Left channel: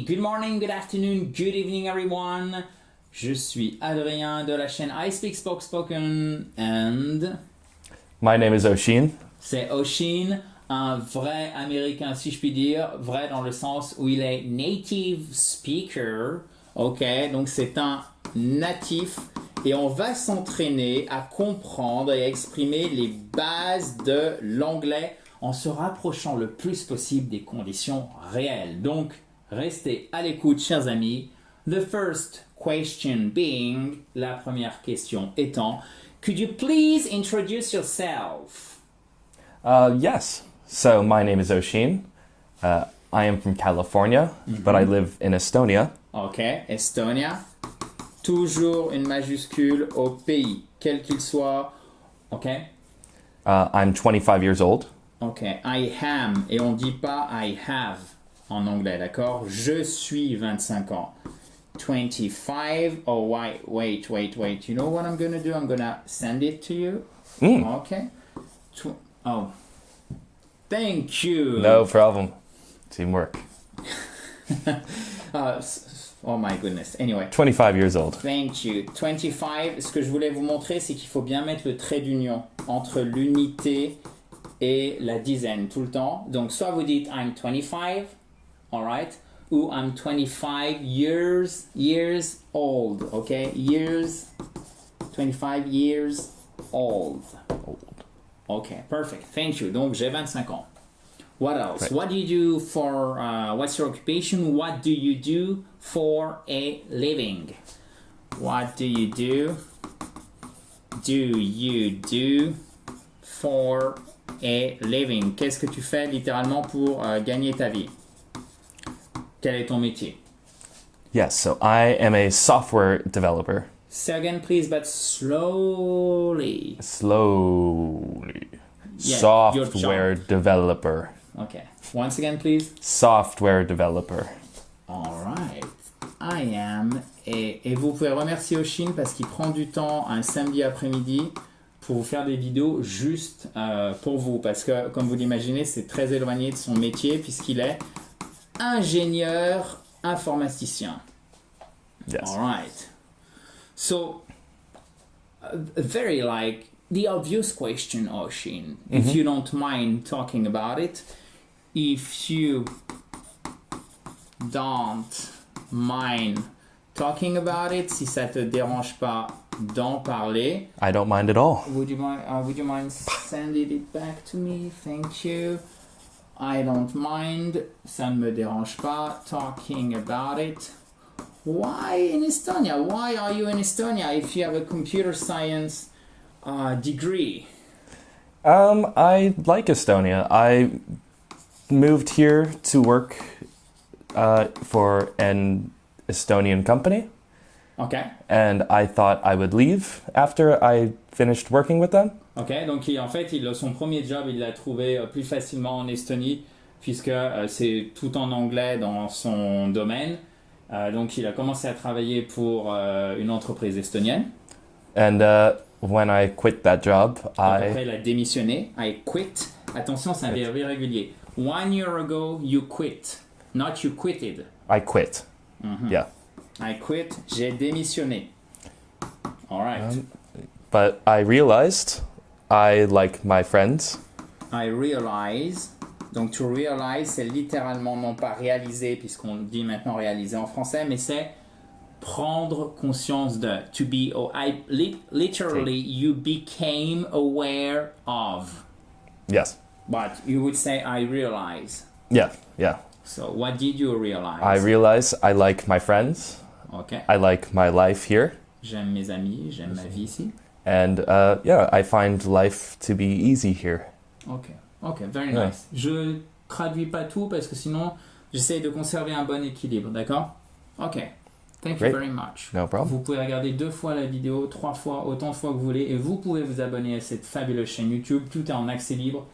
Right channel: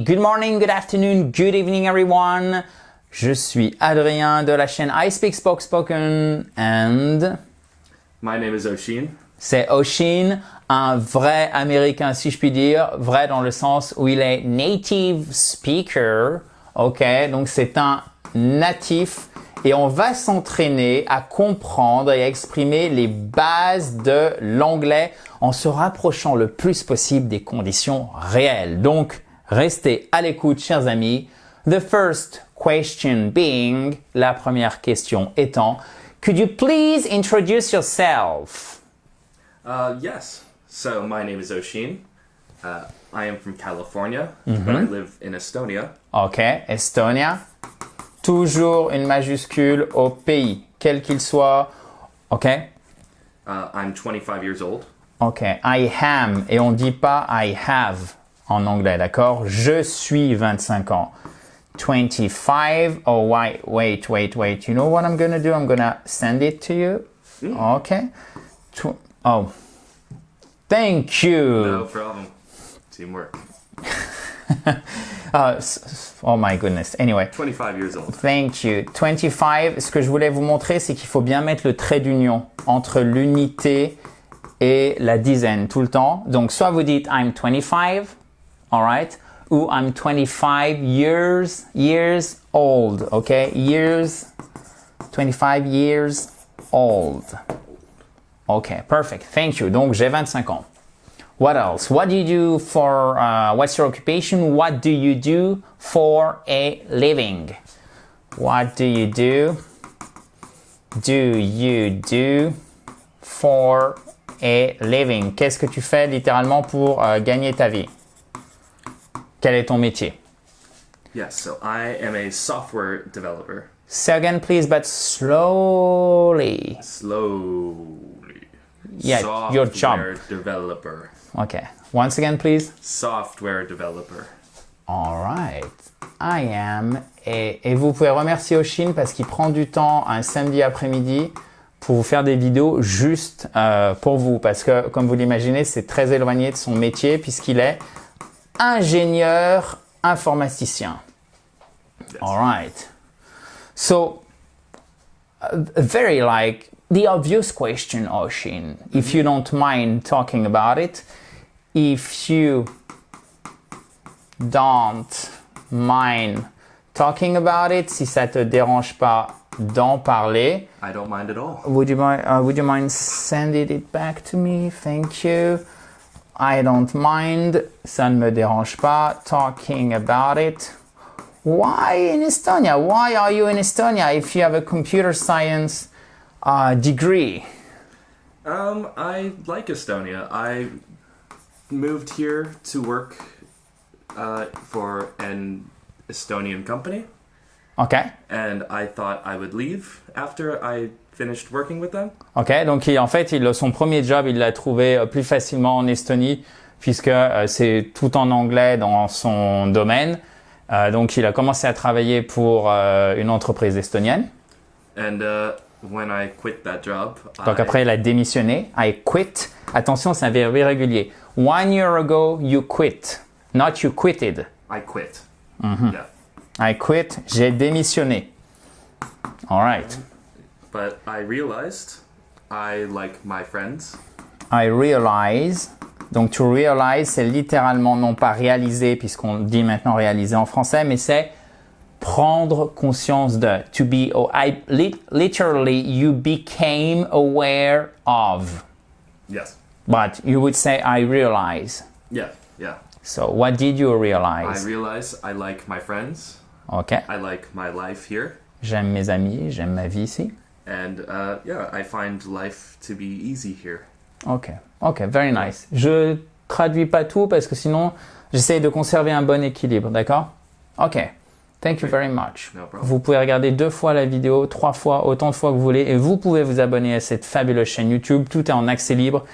Hey, good morning, good afternoon, good evening everyone. Je suis Adrien de la chaîne I Speak Spoken and... My name is Oshin. C'est Oshin, un vrai Américain si je puis dire, vrai dans le sens où il est native speaker, ok, donc c'est un natif et on va s'entraîner à comprendre et à exprimer les bases de l'anglais en se rapprochant le plus possible des conditions réelles. Donc, restez à l'écoute, chers amis. The first question being, la première question étant, could you please introduce yourself? Yes. So my name is Oshin. I am from California, but I live in Estonia. Ok, Estonia. Toujours une majuscule au pays, quel qu'il soit. Ok. I'm 25 years old. Ok, I am, et on dit pas I have en anglais, d'accord? Je suis 25 ans. 25, oh wait. You know what I'm gonna do? I'm gonna send it to you. Ok. Oh, thank you. No problem. Teamwork. Oh my goodness. Anyway. 25 years old. Thank you. 25, ce que je voulais vous montrer, c'est qu'il faut bien mettre le trait d'union entre l'unité et la dizaine tout le temps. Donc, soit vous dites I'm 25, alright, ou I'm 25 years old, ok? Years, 25 years old. Ok, perfect. Thank you. Donc, j'ai 25 ans. What else? What do you do for, what's your occupation? What do you do for a living? What do you do? Do you do for a living? Qu'est-ce que tu fais littéralement pour gagner ta vie? Quel est ton métier? Yes, so I am a software developer. Say again, please, but slowly. Slowly. Yeah, your Software job. developer. Okay. Once again, please. Software developer. All right. I am. Et vous pouvez remercier Oshin parce qu'il prend du temps un samedi après-midi pour vous faire des vidéos juste pour vous. Parce que, comme vous l'imaginez, c'est très éloigné de son métier puisqu'il est ingénieur informaticien. Yes. All right. So, very like the obvious question, Oshin, if you don't mind talking about it, if you don't mind talking about it, si ça te dérange pas d'en parler, I don't mind at all. would you mind sending it back to me? Thank you. I don't mind, ça ne me dérange pas, talking about it. Why in Estonia? Why are you in Estonia if you have a computer science degree? I like Estonia. I moved here to work for an Estonian company. Okay. And I thought I would leave after I finished working with them. Ok, donc en fait, son premier job, il l'a trouvé plus facilement en Estonie puisque c'est tout en anglais dans son domaine. Donc, il a commencé à travailler pour une entreprise estonienne. And when I quit that job, Donc, après, il a démissionné. I quit. Attention, c'est un verbe irrégulier. 1 year ago, you quit. Not you quitted. I quit. Yeah. I quit. J'ai démissionné. All right. But I realized I like my friends. I realize. Donc, to realize, c'est littéralement non pas réaliser, puisqu'on dit maintenant réaliser en français, mais c'est prendre conscience de. To be, literally, you became aware of. Yes. But you would say, I realize. Yeah. So, what did you realize? I realize I like my friends. Okay. I like my life here. J'aime mes amis, j'aime ma vie ici. And I find life to be easy here. Ok, very nice. Je traduis pas tout parce que sinon, j'essaie de conserver un bon équilibre, d'accord? Ok, thank you very much. No problem. Vous pouvez regarder 2 fois la vidéo, 3 fois, autant de fois que vous voulez, et vous pouvez vous abonner à cette fabuleuse chaîne YouTube. Tout est en accès libre,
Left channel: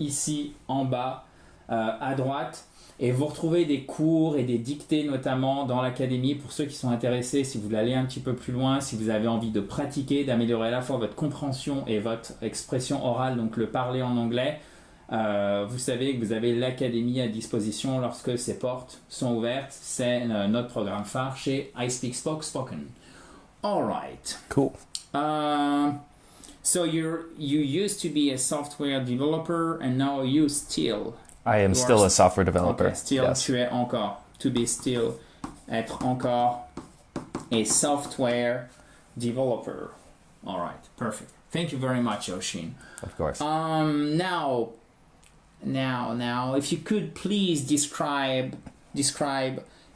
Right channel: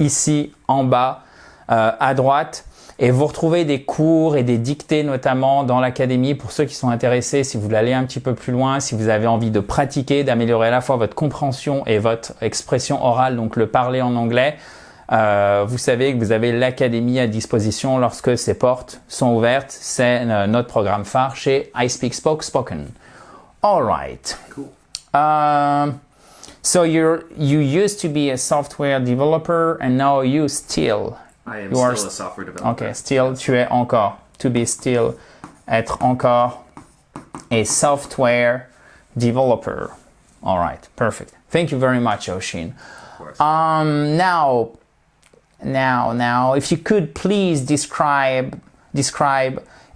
ici, en bas, à droite. Et vous retrouvez des cours et des dictées notamment dans l'académie pour ceux qui sont intéressés, si vous voulez aller un petit peu plus loin, si vous avez envie de pratiquer, d'améliorer à la fois votre compréhension et votre expression orale, donc le parler en anglais. vous savez que vous avez l'académie à disposition lorsque ces portes sont ouvertes. C'est notre programme phare chez I Speak Spoke Spoken. All right. Cool. So you used to be a software developer and now you still. I am You are still a software developer. Okay, still, Yes. tu es encore. To be still, être encore a software developer. All right, perfect. Thank you very much, Oshin. Of course. Now, if you could please describe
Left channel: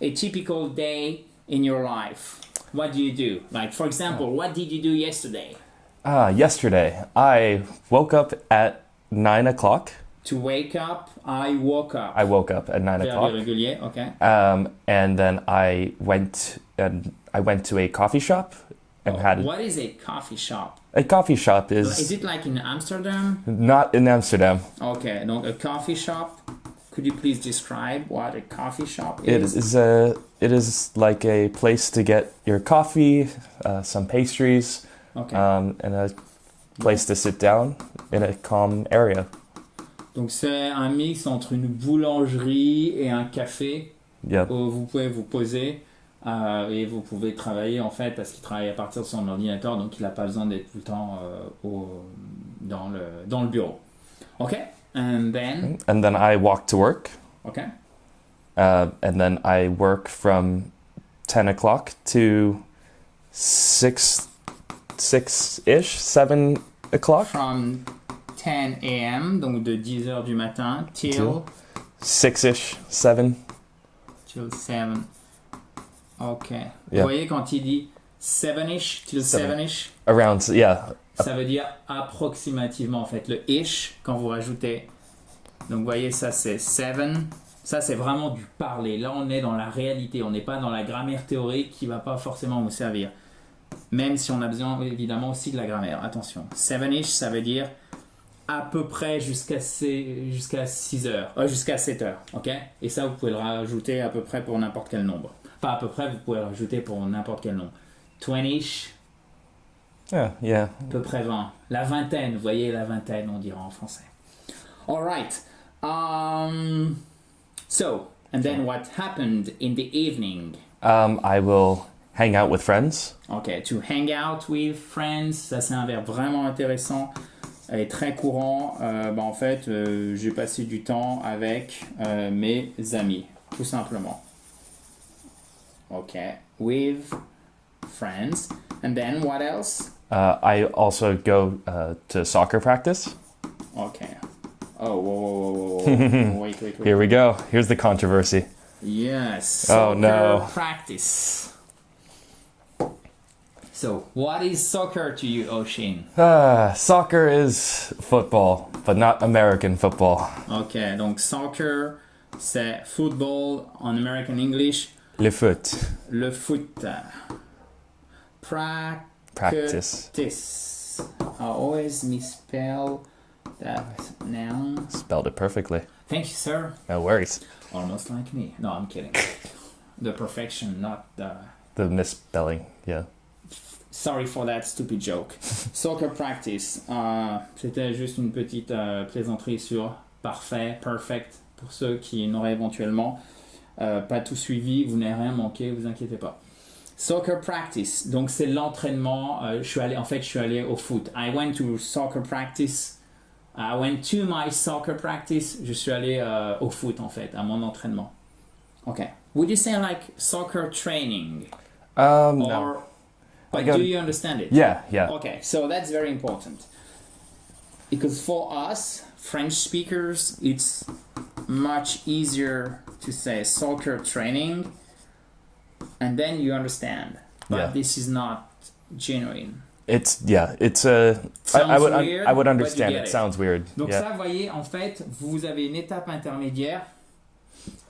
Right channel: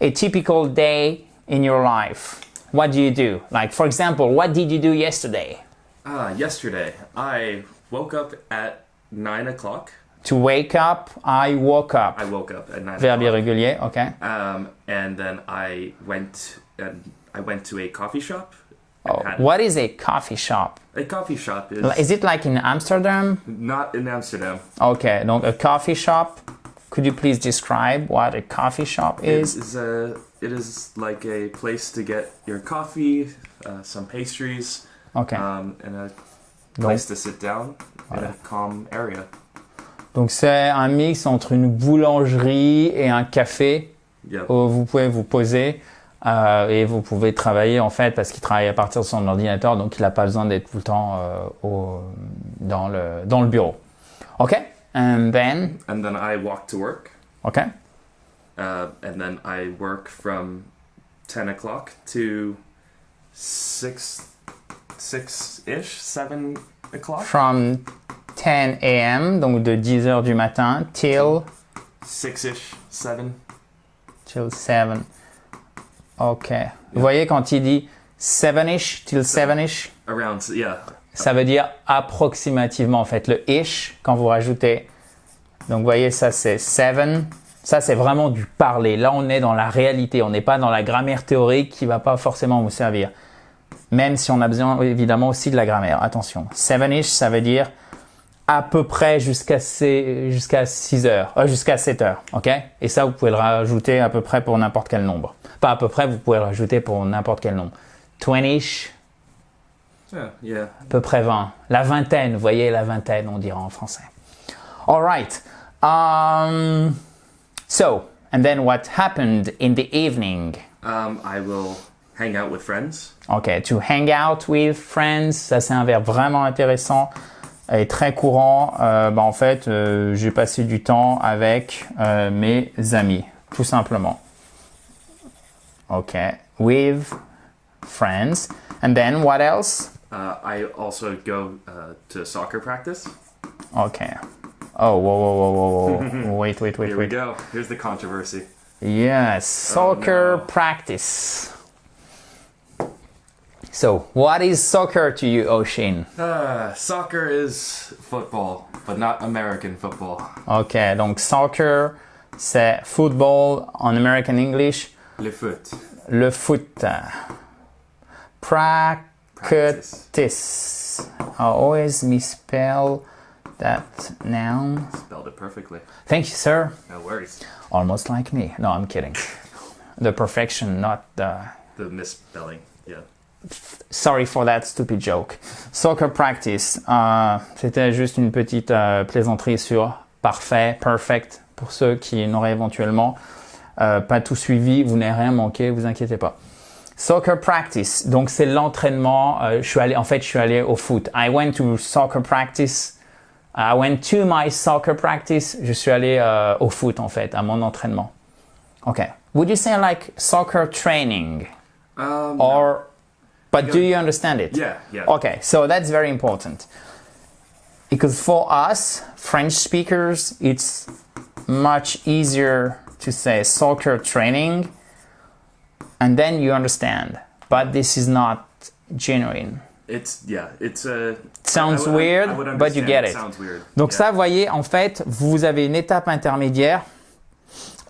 a typical day in your life. What do you do? Like, for example, what did you do yesterday? Yesterday, I woke up at 9 o'clock. To wake up, I woke up. I woke up at 9 Verbe o'clock. irrégulier, okay. And then I went to a coffee shop and had What is a coffee shop? a coffee shop Is it like in Amsterdam? not in Amsterdam. Okay, donc a coffee shop. Could you please describe what a coffee shop It is? is like a place to get your coffee, some pastries, Okay. and a place to sit down in a calm area. Donc c'est un mix entre une boulangerie et un café Yeah. où vous pouvez vous poser et vous pouvez travailler en fait parce qu'il travaille à partir de son ordinateur, donc il n'a pas besoin d'être tout le temps dans le bureau. Ok. And then. And then I walk to work, Ok. and then I work from 10 o'clock to 6-ish, 7 o'clock. From 10 a.m. donc de 10 heures du matin till 6-ish, 7. till 7. Ok. Vous Yeah. voyez quand il dit 7-ish till 7-ish, Around, yeah. ça veut dire approximativement en fait. Le ish, quand vous rajoutez. Donc vous voyez, ça c'est 7. Ça c'est vraiment du parler. Là on est dans la réalité. On n'est pas dans la grammaire théorique qui ne va pas forcément vous servir. Même si on a besoin évidemment aussi de la grammaire. Attention. 7-ish, ça veut dire à peu près jusqu'à 6 heures, jusqu'à 7 heures, ok? Et ça, vous pouvez le rajouter à peu près pour n'importe quel nombre. Pas à peu près, vous pouvez le rajouter pour n'importe quel nombre. 20-ish, Yeah. à peu près 20. La vingtaine, vous voyez, la vingtaine, on dira en français. All right. So, and then what happened in the evening? I will hang out with friends. Ok, to hang out with friends, ça c'est un verbe vraiment intéressant et très courant. En fait, j'ai passé du temps avec mes amis, tout simplement. Ok, with friends. And then what else? I also go to soccer practice. Ok. Oh, whoa. Wait. Here we go. Here's the controversy. Yes, Oh, soccer no. practice. So, what is soccer to you, Oshin? Soccer is football, but not American football. Ok, donc soccer, c'est football en American English. Le foot. Le foot. Practice. Practice. I always misspell that noun. Spelled it perfectly. Thank you, sir. No worries. Almost like me. No, I'm kidding. The perfection, not the... The misspelling. Yeah. Sorry for that stupid joke. Soccer practice. C'était juste une petite plaisanterie sur parfait, perfect, pour ceux qui n'auraient éventuellement pas tout suivi. Vous n'avez rien manqué, vous inquiétez pas. Soccer practice. Donc c'est l'entraînement. Je suis allé au foot. I went to soccer practice. I went to my soccer practice. Je suis allé au foot en fait, à mon entraînement. Okay. Would you say like soccer training? No. Or, but do you understand it? Yeah. Okay, so that's very important. Because for us, French speakers, it's much easier to say soccer training and then you understand. But Yeah. this is not genuine. It's a. Sounds weird, I would but understand. you get it. Sounds weird. Donc Yeah. ça, vous voyez, en fait, vous avez une étape intermédiaire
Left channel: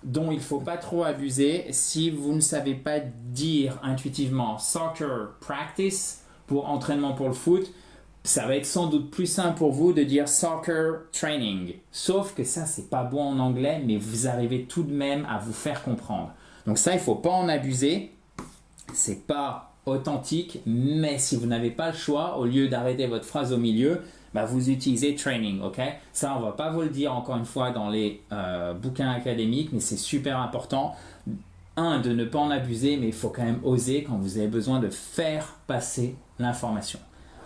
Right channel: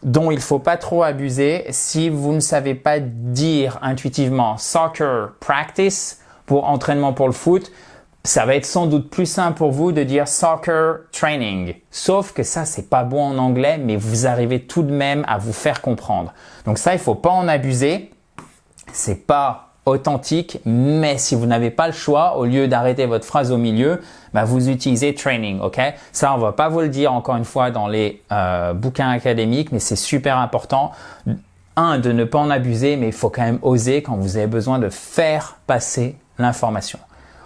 dont il ne faut pas trop abuser si vous ne savez pas dire intuitivement soccer practice pour entraînement pour le foot. Ça va être sans doute plus simple pour vous de dire soccer training. Sauf que ça, c'est pas bon en anglais, mais vous arrivez tout de même à vous faire comprendre. Donc ça, il ne faut pas en abuser. C'est pas authentique, mais si vous n'avez pas le choix, au lieu d'arrêter votre phrase au milieu, bah, vous utilisez training, ok? Ça, on va pas vous le dire encore une fois dans les bouquins académiques, mais c'est super important. De ne pas en abuser, mais il faut quand même oser quand vous avez besoin de faire passer l'information,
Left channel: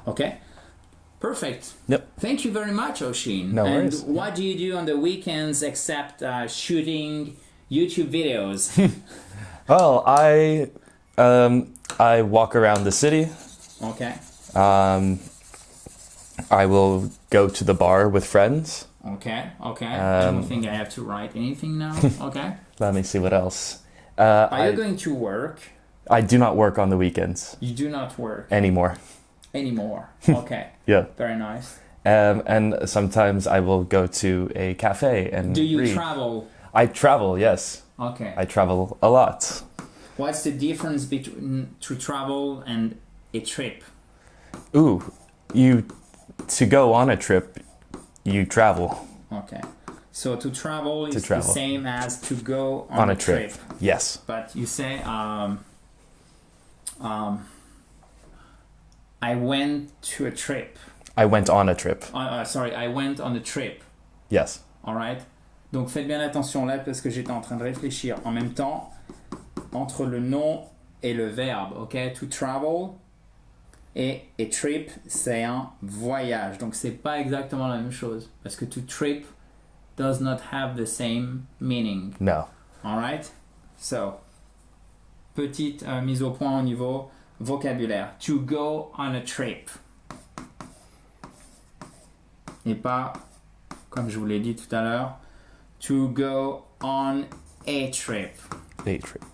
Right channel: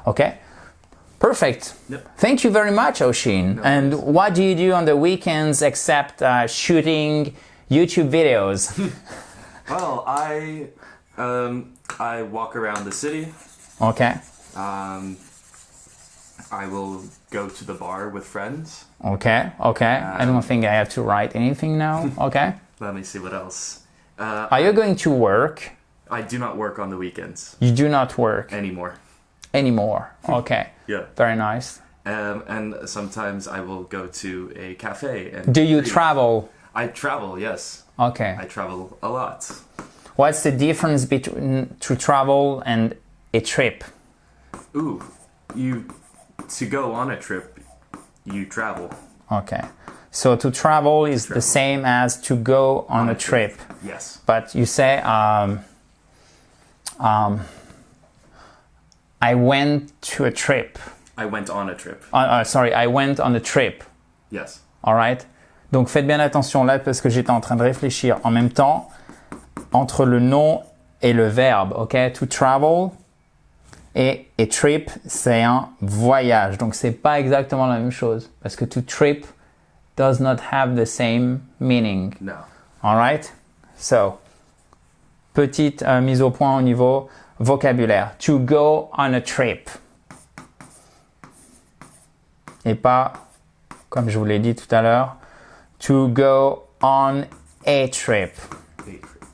ok? Perfect. Yep. Thank you very much, Oshin. No And worries. what do you do on the weekends except shooting YouTube videos? Well, I walk around the city. Okay. I will go to the bar with friends. Okay. I don't think I have to write anything now. Okay. Let me see what else. Are you going to work? I do not work on the weekends You do not work anymore. anymore. Okay. Yeah. Very nice. And sometimes I will go to a cafe and Do you read. travel? I travel, yes. Okay. I travel a lot. What's the difference between to travel and a trip? Ooh, to go on a trip, you travel. Okay. So to travel is the travel. same as to go on a trip. Yes. But you say, I went to a trip. I went on a trip. Sorry, I went on a trip. Yes. All right? Donc faites bien attention là parce que j'étais en train de réfléchir en même temps entre le nom et le verbe. OK? To travel et a trip, c'est un voyage. Donc c'est pas exactement la même chose parce que to trip does not have the same meaning. No. All right? So, petite mise au point au niveau vocabulaire. To go on a trip. Et pas, comme je vous l'ai dit tout à l'heure, to go on a trip. A trip.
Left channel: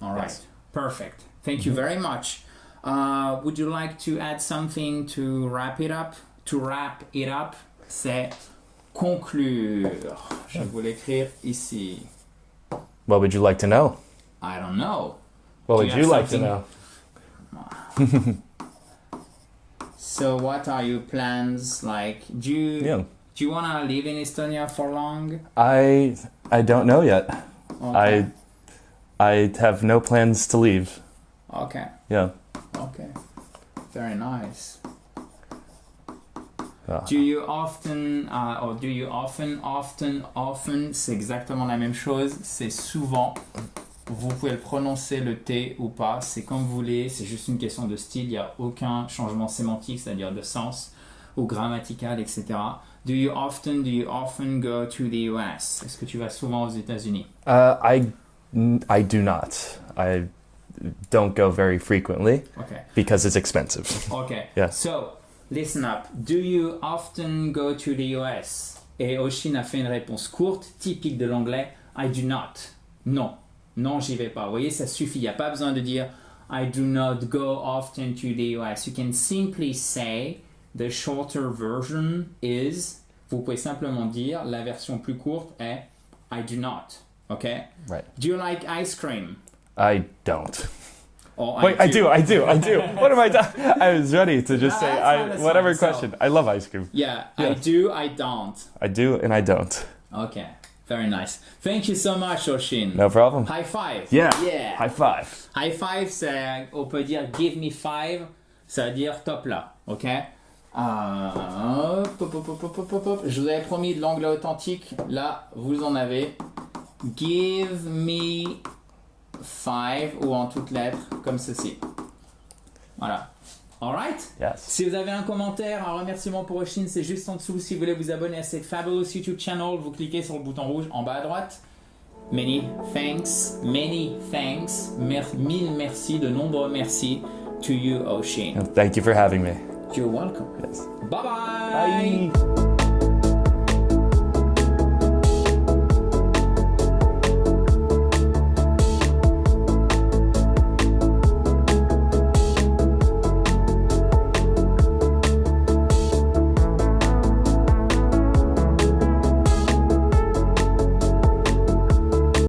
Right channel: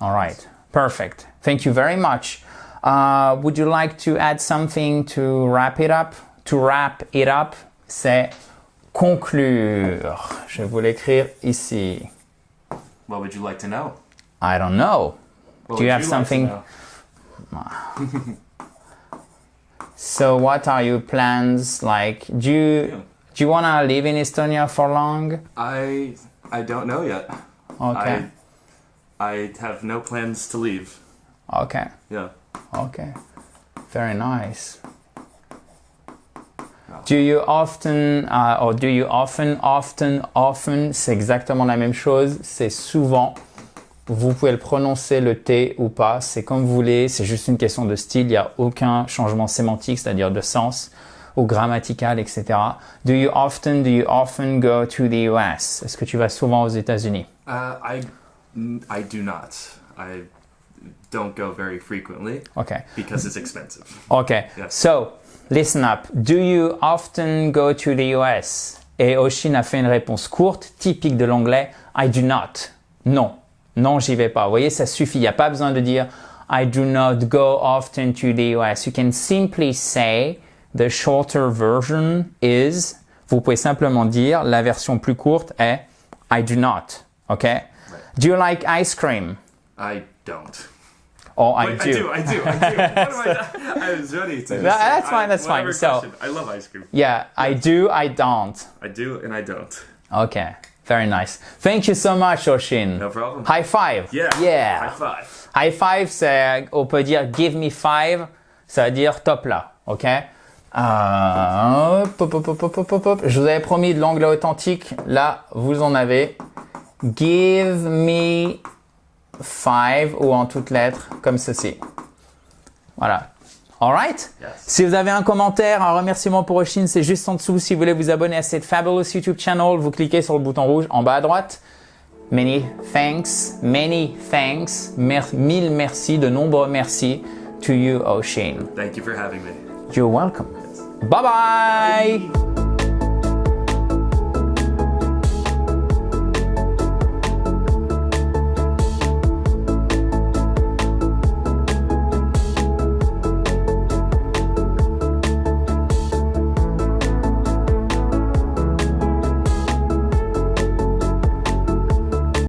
All right. Perfect. Thank you very much. Would you like to add something to wrap it up? To wrap it up, c'est conclure. Je vais vous l'écrire ici. What would you like to know? I don't know. What Do you would have you something? like to know? So what are your plans? Like, do you want to live in Estonia for long? I don't know yet. Okay. I have no plans to leave. Okay. Yeah. Okay. Very nice. Yeah. Do you often, or do you often, c'est exactement la même chose, c'est souvent. Vous pouvez le prononcer le T ou pas, c'est comme vous voulez, c'est juste une question de style, il n'y a aucun changement sémantique, c'est-à-dire de sens ou grammatical, etc. Do you often go to the US? Est-ce que tu vas souvent aux États-Unis? I do not. I don't go very frequently Okay. because it's expensive. Okay. Yeah. So, listen up. Do you often go to the US? Et Oshin a fait une réponse courte, typique de l'anglais. I do not. Non. Non, j'y vais pas. Vous voyez, ça suffit. Il n'y a pas besoin de dire I do not go often to the US. You can simply say the shorter version is. Vous pouvez simplement dire la version plus courte est I do not. Okay? Right. Do you like ice cream? I don't. Oh, Wait, I do. What am I doing? I was ready to just say That's fine, that's whatever fine. So- question. I love ice cream. Yeah, I do, I don't. I do and I don't. Okay, very nice. Thank you so much, Oshin. No problem. High five. Yeah. Yeah. High five. High five, c'est, on peut dire give me five, ça veut dire top là, ok? Je vous avais promis de l'anglais authentique, là vous en avez. Give me five ou en toutes lettres comme ceci. Voilà. Alright? Yes. Si vous avez un commentaire, un remerciement pour Oshin, c'est juste en dessous. Si vous voulez vous abonner à cette fabulous YouTube channel, vous cliquez sur le bouton rouge en bas à droite. Many thanks. Mille merci, de nombreux merci to you, Oshin. Thank you for having me. You're welcome. Yes. Bye bye.